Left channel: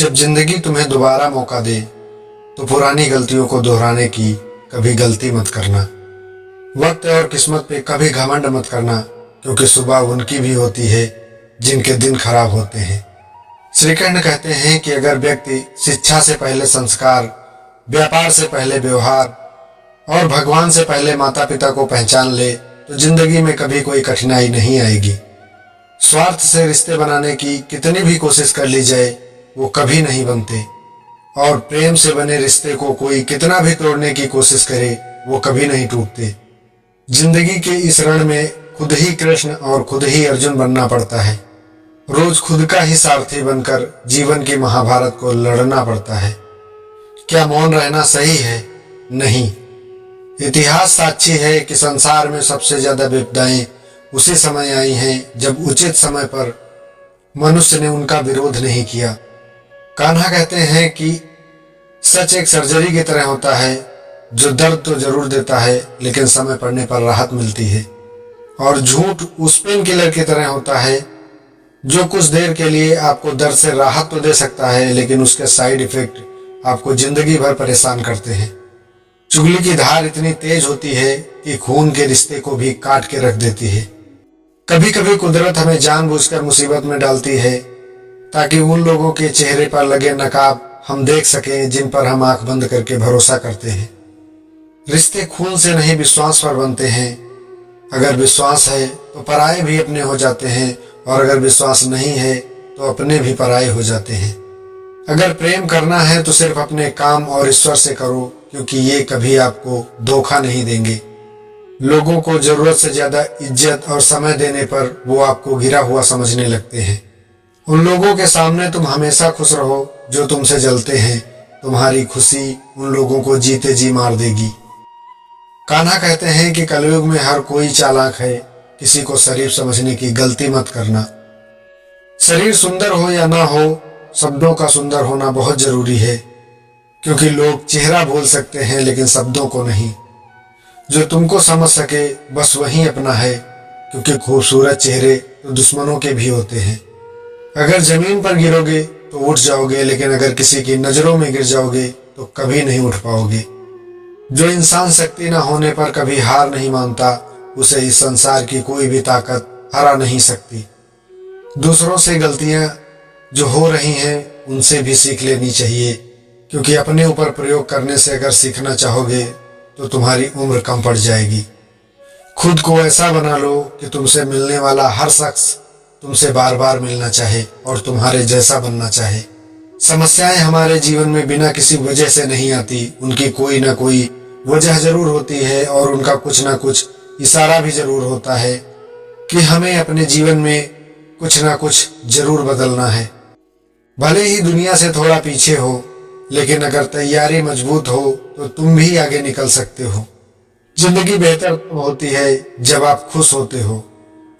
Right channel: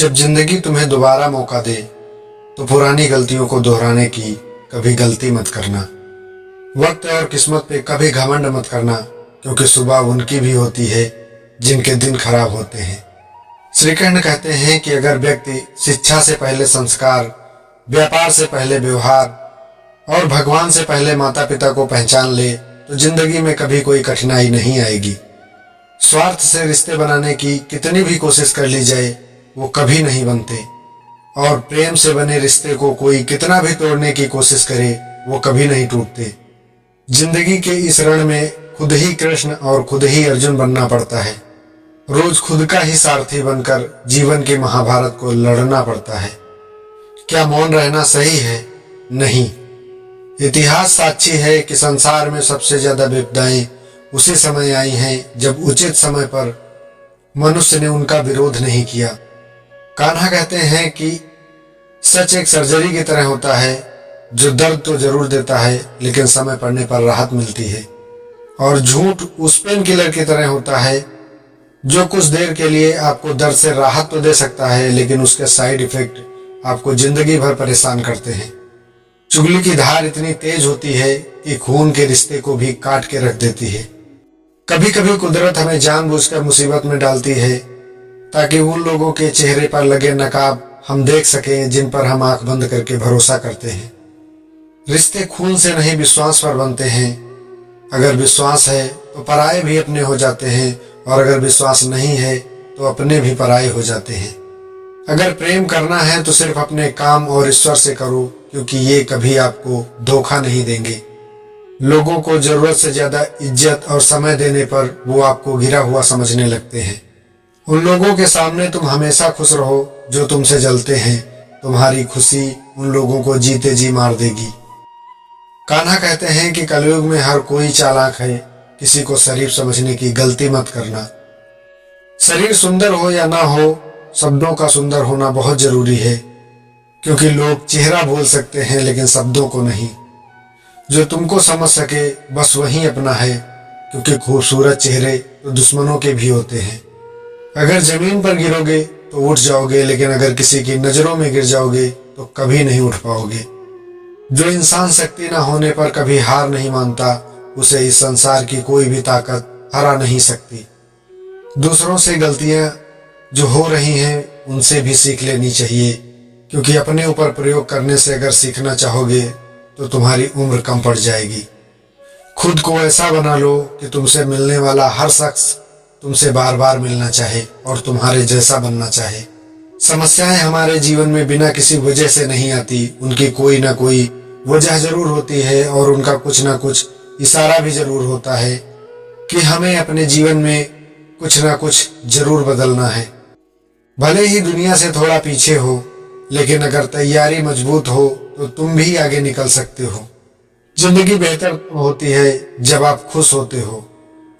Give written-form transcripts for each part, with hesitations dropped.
जब जिंदगी तुम्हें दोबारा मौका दे तो पुरानी गलतियों को दोहराने की कभी गलती मत करना। वक्त और किस्मत पे कभी घमंड मत करना, क्योंकि सुबह उनकी भी होती है जिनके दिन खराब होते हैं। श्री कृष्ण कहते हैं कि अगर व्यक्ति शिक्षा से पहले संस्कार, व्यापार से पहले व्यवहार और भगवान से पहले माता पिता को पहचान ले तो जिंदगी में कभी कोई कठिनाई नहीं आएगी। स्वार्थ से रिश्ते बनाने की कितनी भी कोशिश कर ली जाए वो कभी नहीं बनते, और प्रेम से बने रिश्ते को कोई कितना भी तोड़ने की कोशिश करे वो कभी नहीं टूटते। जिंदगी के इस रण में खुद ही कृष्ण और खुद ही अर्जुन बनना पड़ता है। रोज खुद का ही सारथी बनकर जीवन के महाभारत को लड़ना पड़ता है। क्या मौन रहना सही है? नहीं। इतिहास साक्षी है कि संसार में सबसे ज्यादा विपदाएं उसी समय आई हैं जब उचित समय पर मनुष्य ने उनका विरोध नहीं किया। कान्हा कहते हैं कि सच एक सर्जरी की तरह होता है जो दर्द तो जरूर देता है लेकिन समय पड़ने पर राहत मिलती है, और झूठ उस पेन किलर की तरह होता है जो कुछ देर के लिए आपको दर्द से राहत तो दे सकता है लेकिन उसके साइड इफेक्ट आपको जिंदगी भर परेशान करते हैं। चुगली की धार इतनी तेज होती है कि खून के रिश्ते को भी काट के रख देती है। कभी कभी कुदरत हमें जानबूझकर मुसीबत में डालती है ताकि उन लोगों के चेहरे पर लगे नकाब हम देख सकें जिन पर हम आंख बंद करके भरोसा करते हैं। रिश्ते खून से नहीं विश्वास पर बनते हैं। अगर विश्वास है तो पराये भी अपने हो जाते हैं, और अगर विश्वास नहीं है तो अपने भी पराये हो जाते हैं। अगर प्रेम करना है तो सिर्फ अपने काम और ईश्वर से करो, क्योंकि ये कभी आपको धोखा नहीं देंगे। लोगों को जरूरत से ज्यादा इज्जत और समय देने पर वो आपको गिरा हुआ समझने लगते हैं। उन लोगों के सामने तुम हमेशा खुश रहो जो तुमसे जलते हैं। तुम्हारी खुशी उन लोगों को जीते जी मार देगी। कान्हा कहते हैं कि कलयुग में हर कोई चालाक है, किसी को शरीफ समझने की गलती मत करना। शरीर सुंदर हो या ना हो, शब्दों का सुंदर होना बहुत जरूरी है, क्योंकि लोग चेहरा बोल सकते हैं लेकिन शब्दों को नहीं। जो तुमको समझ सके बस वही अपना है, क्योंकि खूबसूरत चेहरे तो दुश्मनों के भी होते हैं। अगर जमीन पर गिरोगे तो उठ जाओगे, लेकिन अगर किसी की नजरों में गिर जाओगे तो कभी नहीं उठ पाओगे। जो इंसान शक्ति न होने पर कभी हार नहीं मानता, उसे इस संसार की कोई भी ताकत हरा नहीं सकती। दूसरों से गलतियां जो हो रही हैं उनसे भी सीख लेनी चाहिए, क्योंकि अपने ऊपर प्रयोग करने से अगर सीखना चाहोगे तो तुम्हारी उम्र कम पड़ जाएगी। खुद को ऐसा बना लो कि तुमसे मिलने वाला हर शख्स तुमसे बार बार मिलना चाहे और तुम्हारे जैसा बनना चाहे। समस्याएं हमारे जीवन में बिना किसी वजह से नहीं आती, उनकी कोई ना कोई वजह जरूर होती है, और उनका कुछ ना कुछ इशारा भी जरूर होता है कि हमें अपने जीवन में कुछ ना कुछ जरूर बदलना है। भले ही दुनिया से थोड़ा पीछे हो, लेकिन अगर तैयारी मजबूत हो तो तुम भी आगे निकल सकते हो। जिंदगी बेहतर तब होती है जब आप खुश होते हो,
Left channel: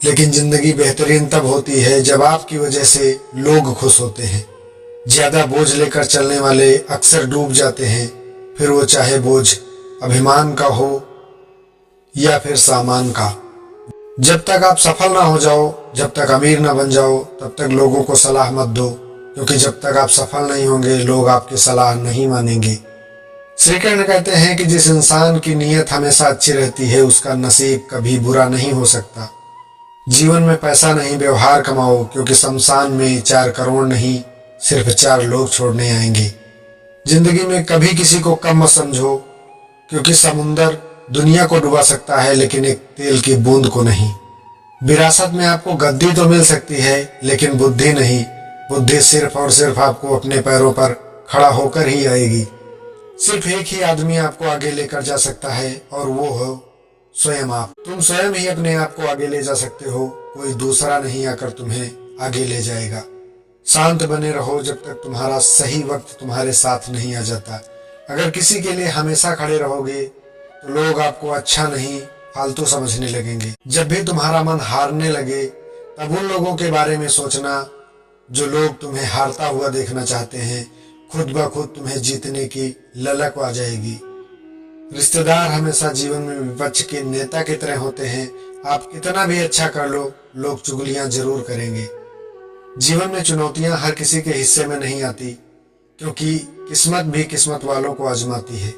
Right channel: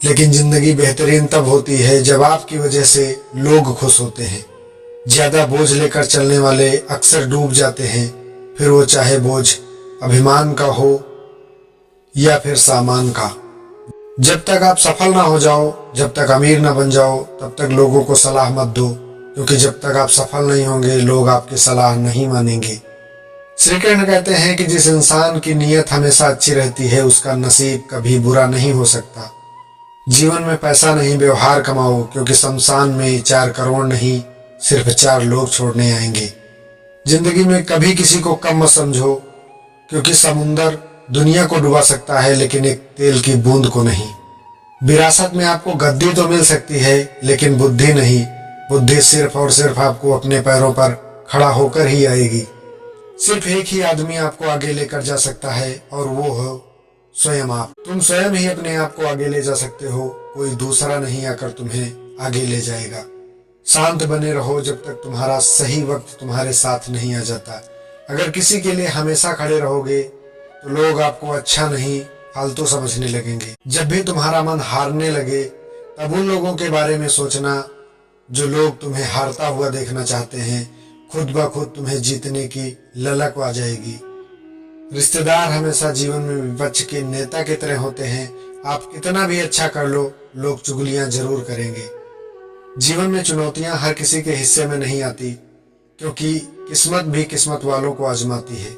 लेकिन जिंदगी बेहतरीन तब होती है जब आपकी वजह से लोग खुश होते हैं। ज्यादा बोझ लेकर चलने वाले अक्सर डूब जाते हैं, फिर वो चाहे बोझ अभिमान का हो या फिर सामान का। जब तक आप सफल ना हो जाओ, जब तक अमीर ना बन जाओ, तब तक लोगों को सलाह मत दो, क्योंकि जब तक आप सफल नहीं होंगे लोग आपकी सलाह नहीं मानेंगे। श्री कृष्ण कहते हैं कि जिस इंसान की नीयत हमेशा अच्छी रहती है उसका नसीब कभी बुरा नहीं हो सकता। जीवन में पैसा नहीं व्यवहार कमाओ, क्योंकि शमशान में 4 करोड़ नहीं सिर्फ 4 लोग छोड़ने आएंगे। जिंदगी में कभी किसी को कम मत समझो, क्योंकि समुंदर दुनिया को डुबा सकता है लेकिन एक तेल की बूंद को नहीं। विरासत में आपको गद्दी तो मिल सकती है लेकिन बुद्धि नहीं। बुद्धि सिर्फ और सिर्फ आपको अपने पैरों पर खड़ा होकर ही आएगी। सिर्फ एक ही आदमी आपको आगे लेकर जा सकता है, और वो हो स्वयं आप। तुम स्वयं ही अपने आप को आगे ले जा सकते हो, कोई दूसरा नहीं आकर तुम्हें आगे ले जाएगा। शांत बने रहो जब तक तुम्हारा सही वक्त तुम्हारे साथ नहीं आ जाता। अगर किसी के लिए हमेशा खड़े रहोगे तो लोग आपको अच्छा नहीं फालतू समझने लगेंगे। जब भी तुम्हारा मन हारने लगे तब उन लोगों के बारे में सोचना जो लोग तुम्हें हारता हुआ देखना चाहते हैं। खुद ब खुद तुम्हें जीतने की ललक आ जाएगी। रिश्तेदार हमेशा जीवन में विपक्ष के नेता की तरह होते हैं। आप कितना भी अच्छा कर लो, लोग चुगलियां जरूर करेंगे। जीवन में चुनौतियां हर किसी के हिस्से में नहीं आती, क्योंकि किस्मत भी किस्मत वालों को आजमाती है।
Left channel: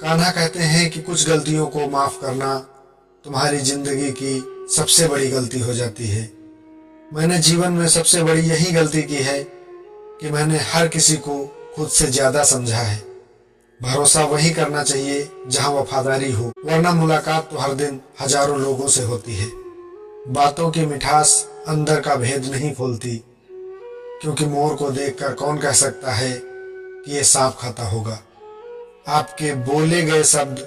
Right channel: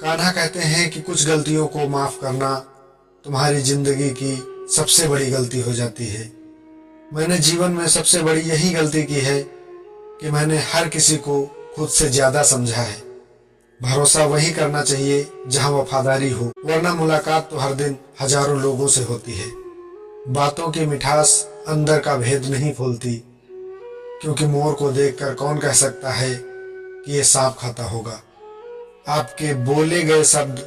कान्हा कहते हैं कि कुछ गलतियों को माफ़ करना तुम्हारी जिंदगी की सबसे बड़ी गलती हो जाती है। मैंने जीवन में सबसे बड़ी यही गलती की है कि मैंने हर किसी को खुद से ज़्यादा समझा है। भरोसा वही करना चाहिए जहां वफादारी हो, वरना मुलाकात तो हर दिन हजारों लोगों से होती है। बातों की मिठास अंदर का भेद नहीं खोलती, क्योंकि मोर को देखकर कौन कह सकता है कि ये सांप खाता होगा। आपके बोले गए शब्द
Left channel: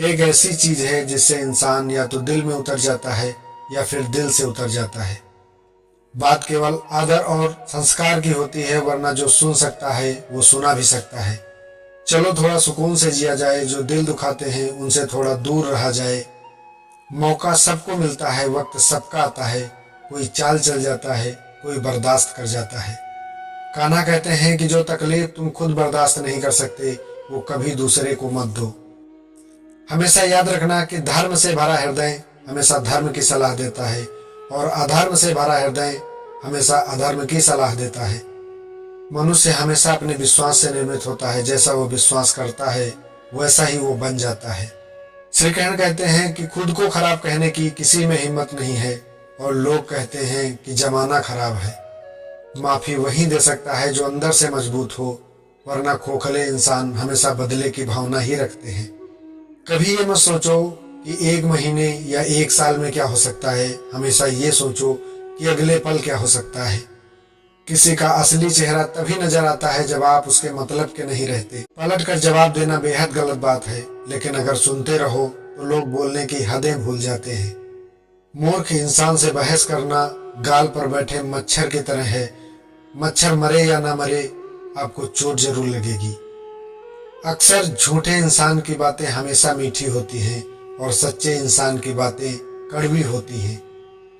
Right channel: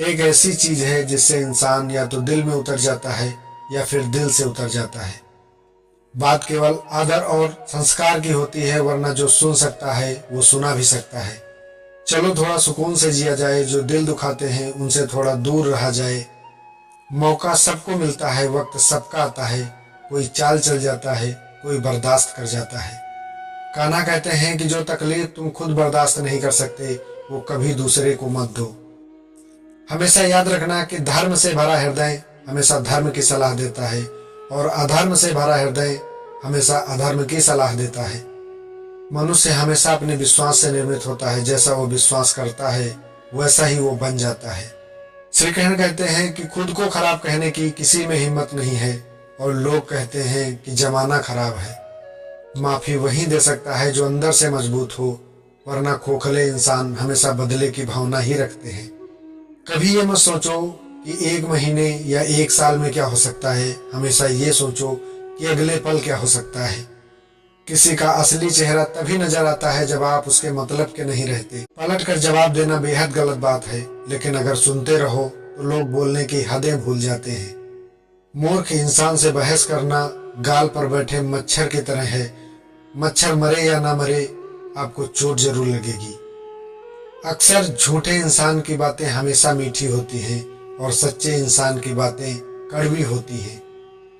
एक ऐसी चीज है जिससे इंसान या तो दिल में उतर जाता है या फिर दिल से उतर जाता है। बात केवल आदर और संस्कार की होती है, वरना जो सुन सकता है वो सुना भी सकता है। चलो थोड़ा सुकून से जिया जाए, जो दिल दुखाते हैं उनसे थोड़ा दूर रहा जाए। मौका सबको मिलता है, वक्त सबका आता है, कोई चाल चल जाता है, कोई बर्दाश्त कर जाता है। कान्हा कहते हैं कि जो तकलीफ तुम खुद बर्दाश्त नहीं कर सकते वो कभी दूसरे को मत दो। हमेशा याद रखना कि धर्म से भरा हृदय हमेशा धर्म की सलाह देता है, और अधर्म से भरा हृदय हमेशा अधर्म की सलाह देता है। मनुष्य हमेशा अपने विश्वास से निर्मित होता है, जैसा वो विश्वास करता है वैसा ही वो बन जाता है। श्री कृष्ण कहते हैं कि खुद को खराब कहने की किसी में हिम्मत नहीं है, और लोग कहते हैं कि जमाना खराब है। माफी वही दे सकता है जो अंदर से मजबूत हो, वरना खोखले इंसान हमेशा बदले की भावना ही रखते हैं। कभी ये मत सोचो कि एक महीने या एक साल में क्या हो सकता है, हमेशा ये सोचो कि अगले पल क्या हो सकता है। किसी का असली चेहरा तभी नजर आता है जब आप उसके मतलब के नहीं रहते। पलट कर जवाब देना बेहद गलत बात है, लेकिन अगर सुनते रहो तो लोग बोलने की हदें भूल जाते हैं। मूर्ख इंसान से बहस करना गाल पर बैठे मच्छर की तरह है। मच्छर मरे या ना मरे, आपको चोट जरूर लगेगी। अक्सर झूठे इंसान की बातें हमेशा मीठी होती हैं, और सच्चे इंसान की बातें कड़वी होती हैं।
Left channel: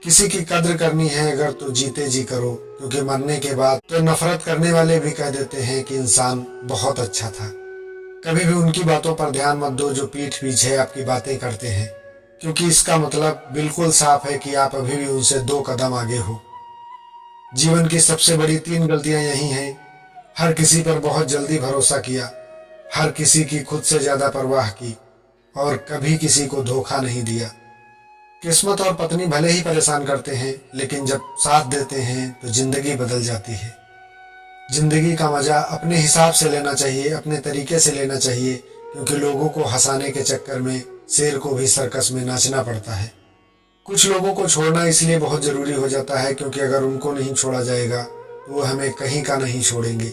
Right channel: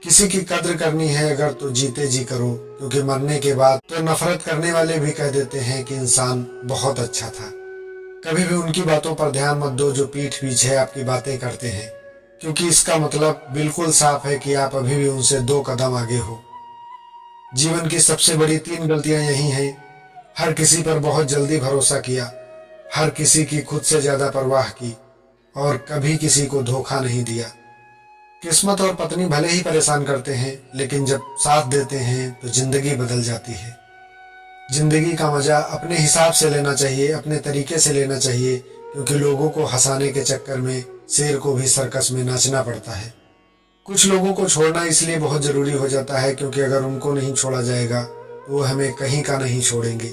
किसी की कद्र करनी है अगर तो जीते जी करो, क्योंकि मरने के बाद तो नफरत करने वाले भी कह देते हैं कि इंसान बहुत अच्छा था। कभी भी उनकी बातों पर ध्यान मत दो जो पीठ पीछे आपकी बातें करते हैं, क्योंकि इसका मतलब बिल्कुल साफ है कि आप अभी भी उनसे 2 कदम आगे हो। जीवन की सबसे बड़ी 3 गलतियां यही हैं। हर किसी पर बहुत जल्दी भरोसा किया, हर किसी की खुद से ज्यादा परवाह की, और कभी किसी को धोखा नहीं दिया। किस्मत और पत्नी भले ही परेशान करते हैं, लेकिन जब साथ देते हैं तो जिंदगी बदल जाती है। जिंदगी का मजा अपने हिसाब से लेना चाहिए, अपने तरीके से लेना चाहिए, क्योंकि लोगों को हंसाने के चक्कर में शेर को भी सर्कस में नाचना पड़ता है। कुछ लोगों को छोड़ना इसलिए बहुत जरूरी हो जाता है, क्योंकि अगर उनको नहीं छोड़ा जाएगा तो वो हमें कहीं का नहीं छोड़ेंगे।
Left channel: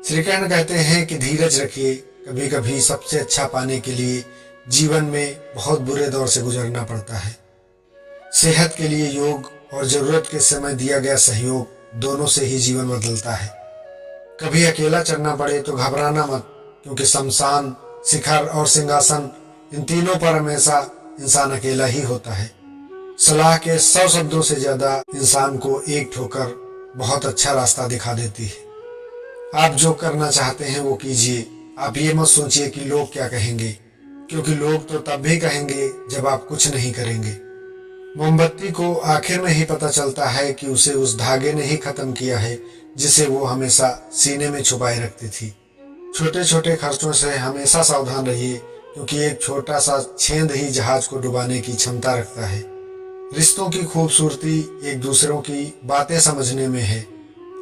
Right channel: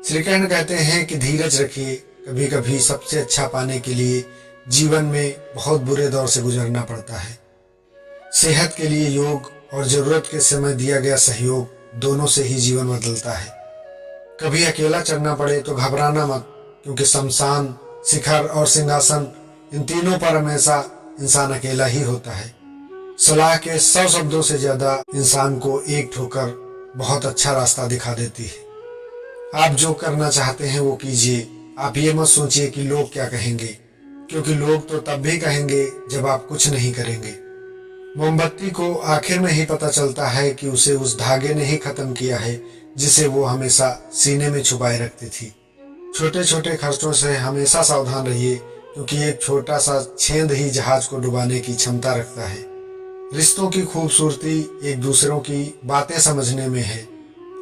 श्री कृष्ण कहते हैं कि धीरज रखिए, कभी कभी सबसे अच्छा पाने के लिए जीवन में बहुत बुरे दौर से गुजरना पड़ता है। सेहत के लिए योग और जरूरत के समय दिया गया सहयोग, दोनों से ही जीवन बदलता है। कभी अकेला चढ़ना पड़े तो घबराना मत, क्योंकि शमशान, शिखर और सिंहासन, इन तीनों पर हमेशा इंसान अकेला ही होता है। सलाह के 100 शब्दों से ज्यादा इंसान को एक ठोकर बहुत अच्छा रास्ता दिखा देती है। आप जो करना चाहते हैं वो कीजिए। आप ये मत सोचिए कि लोग क्या कहेंगे, क्योंकि लोग तो तब भी कहेंगे जब आप कुछ नहीं करेंगे। मोमबत्ती को आखिर में ही पता चलता है कि उसे उस धागे ने ही खत्म किया है जिसे वो हमेशा सीने में छुपाए रखती थी। छोटे छोटे खर्चों से हमेशा सावधान रहिए, क्योंकि एक छोटा सा छेद ही जहाज को डुबाने की क्षमता रखता है। रिश्तों की खूबसूरती एक दूसरों की बातें समझने में है।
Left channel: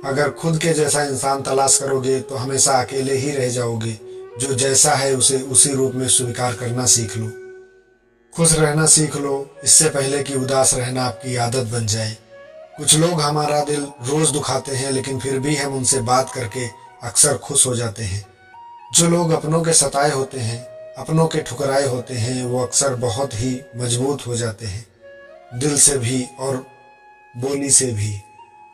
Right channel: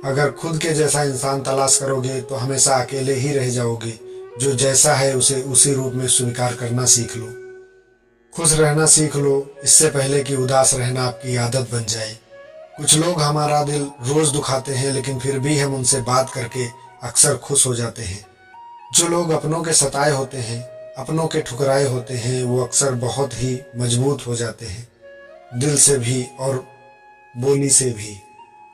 अगर खुद के जैसा इंसान तलाश करोगे तो हमेशा अकेले ही रह जाओगे। जो जैसा है उसे उसी रूप में स्वीकार करना सीख लो। खुश रहना सीख लो, इससे पहले कि उदास रहना आपकी आदत बन जाए। कुछ लोग हमारा दिल रोज दुखाते हैं, लेकिन फिर भी हम उनसे बात करके अक्सर खुश हो जाते हैं। जो लोग अपनों के सताए होते हैं, अपनों के ठुकराए होते हैं, वो अक्सर बहुत ही मजबूत हो जाते हैं, दिल से भी और बोली से भी।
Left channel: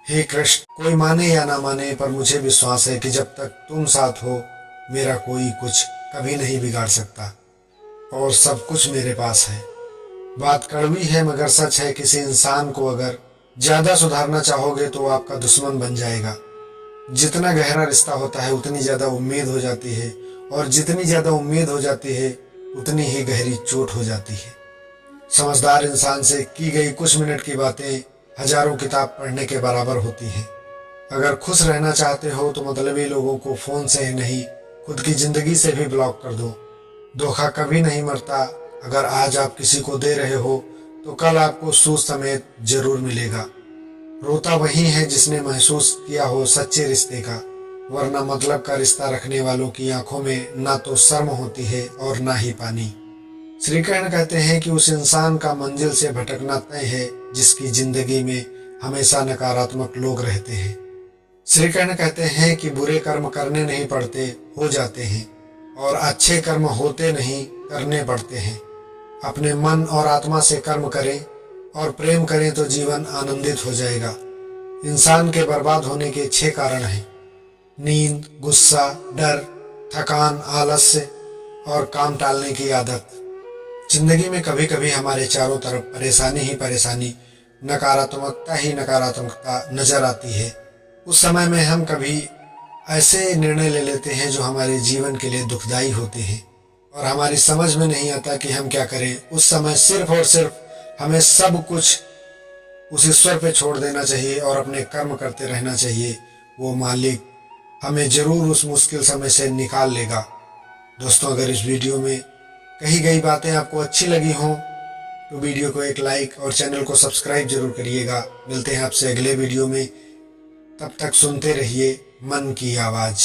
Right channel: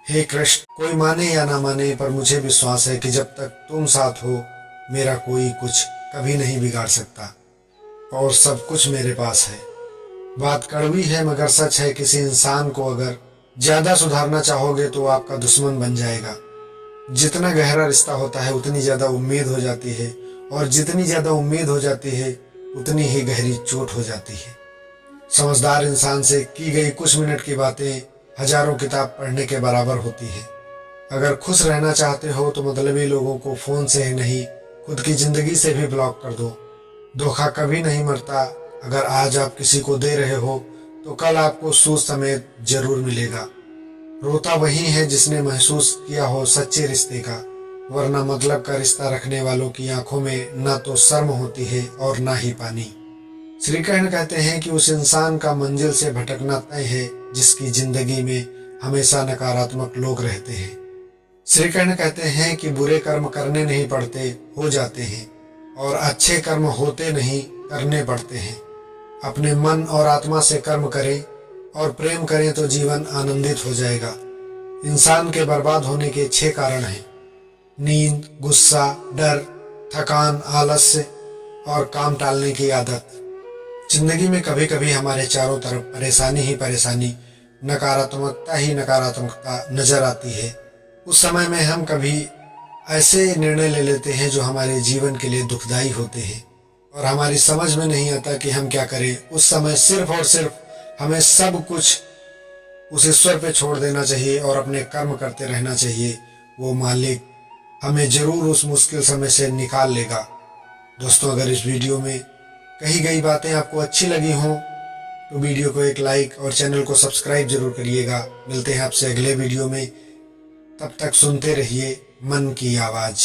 हे कृष्ण, कोई माने या ना माने, पर मुझे विश्वास है कि जब तक तुम साथ हो मेरा कोई कुछ कभी नहीं बिगाड़ सकता, और सब कुछ मेरे पास है। बात कड़वी है मगर सच है, किसी इंसान को अगर ज्यादा सुधारना चाहोगे तो वो आपका दुश्मन बन जाएगा। जितना गहरा रिश्ता होता है उतनी ज्यादा उम्मीद हो जाती है, और जितनी ज्यादा उम्मीद हो जाती है उतनी ही गहरी चोट हो जाती है। समझदार इंसान से की गई कुछ मिनट की बातें हजारों किताब पढ़ने के बराबर होती हैं। अगर खुश रहना चाहते हो तो मतलबी लोगों को फ़ोन से ही नहीं, खुद की ज़िंदगी से भी ब्लॉक कर दो। धोखा कभी नहीं मरता। अगर आज आप किसी को दे रहे हो तो कल आपको सूद समेत जरूर मिलेगा। रोता वही है जिसने महसूस किया हो सच्चे रिश्ते का, वरना मतलब का रिश्ता रखने वालों की आंखों में ना तो शर्म होती है और ना ही पानी। श्री कृष्ण कहते हैं कि उस इंसान का मंजिल से भटकना तय है जिसकी जिंदगी में हमेशा नकारात्मक लोग रहते हैं। श्री कृष्ण कहते हैं कि बुरे कर्म करने नहीं पड़ते, हो जाते हैं, और अच्छे कर्म होते नहीं, करने पड़ते हैं। अपने मन और आत्मा से कर्म करें और प्रेम करें तो जीवन आनंदित हो जाएगा। इंसान के बर्बाद होने के 6 कारण हैं: नींद, गुस्सा, डर, थकान, आलस्य और काम टालने की आदत। जिंदगी में कभी कभी हमारे चारों तरफ परेशानी ही परेशानी, नकारात्मकता ही नकारात्मकता नजर आती है। उस समय में हम कभी ऐसे निर्णय ले लेते हैं जो हमारे जीवन के लिए दुखदाई होते हैं और हमारी समझ में नहीं आता कि हम क्या करें। उस समय सिर्फ और सिर्फ हमें सब कुछ उस ईश्वर पे छोड़ देना चाहिए और अपने कर्म करते रहना चाहिए। वो मालिक हमें जरूर उस मुश्किल समय से निकाल लेगा। दोस्तों, अगर इस वीडियो में कही गई बातें आपको अच्छी लगी हों तो वीडियो को एक लाइक और चैनल को सब्सक्राइब जरूर करिएगा। मिलते हैं आपसे अगले वीडियो में। तब तक सुनते रहिए मन की आवाज़।